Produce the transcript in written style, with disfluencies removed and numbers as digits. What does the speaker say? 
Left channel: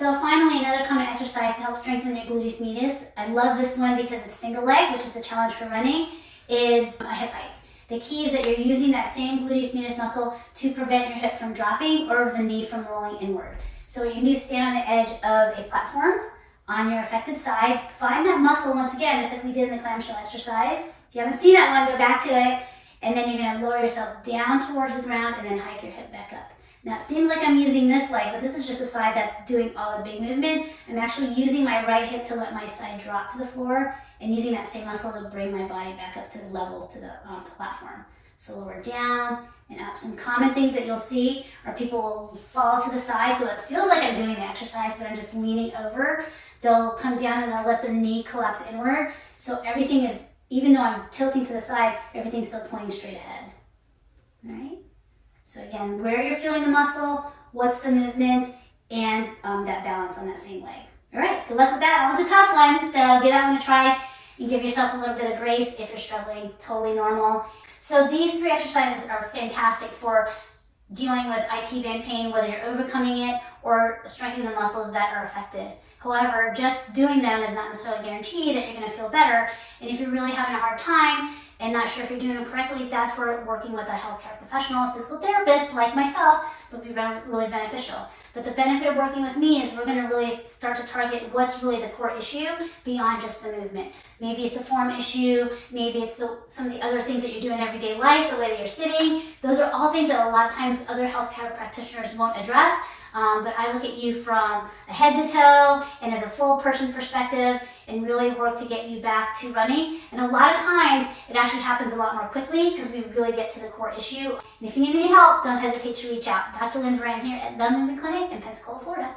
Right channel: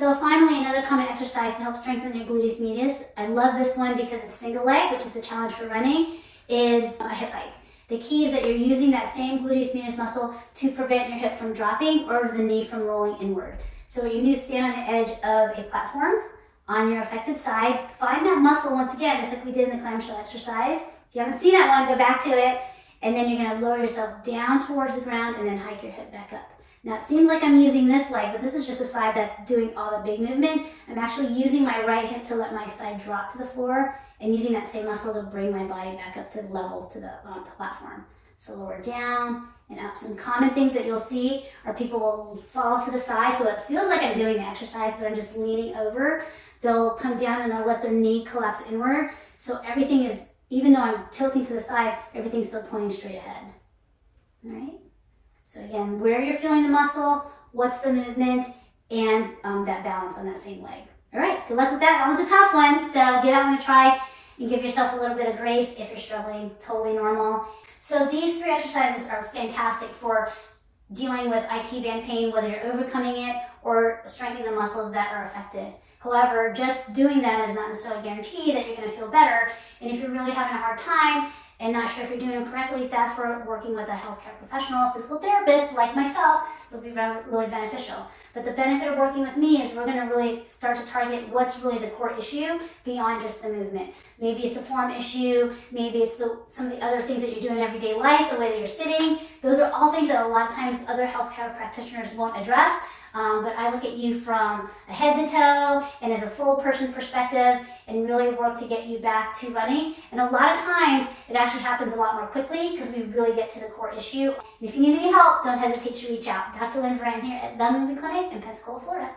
So finally, another common exercise to help strengthen your gluteus medius, I love this one because it's single leg, which is the challenge for running, is a hip hike. The key is that you're using that same gluteus medius muscle to prevent your hip from dropping or the knee from rolling inward. So what you can do is stand on the edge of a platform on your affected side. Find that muscle once again, just like we did in the clamshell exercise. If you haven't seen that one, go back to it. And then you're gonna lower yourself down towards the ground and then hike your hip back up. Now it seems like I'm using this leg, but this is just the side that's doing all the big movement. I'm actually using my right hip to let my side drop to the floor and using that same muscle to bring my body back up to level to the platform. So lower down and up. Some common things that you'll see are people will fall to the side, so it feels like I'm doing the exercise, but I'm just leaning over. They'll come down and they'll let their knee collapse inward. So everything is, even though I'm tilting to the side, everything's still pointing straight ahead. All right? So again, where you're feeling the muscle, what's the movement, and that balance on that same leg. All right, good luck with that. That one's a tough one, so give that one a try and give yourself a little bit of grace if you're struggling. Totally normal. So these 3 exercises are fantastic for dealing with IT band pain, whether you're overcoming it or strengthening the muscles that are affected. However, just doing them is not necessarily guarantee that you're going to feel better. And if you're really having a hard time and not sure if you're doing them correctly, that's where working with a healthcare professional, a physical therapist like myself, would be really beneficial. But the benefit of working with me is we're going to really start to target what's really the core issue beyond just the movement. Maybe it's a form issue, maybe it's some of the other things that you do in everyday life, the way that you're sitting. Those are all things that a lot of times other healthcare practitioners won't address. But I look at you from a head to toe and as a full person perspective and really work to get you back to running. And a lot of times it actually happens a lot more quickly because we really get to the core issue. And if you need any help, don't hesitate to reach out. Dr. Lynne Virant here at the Movement Clinic in Pensacola, Florida.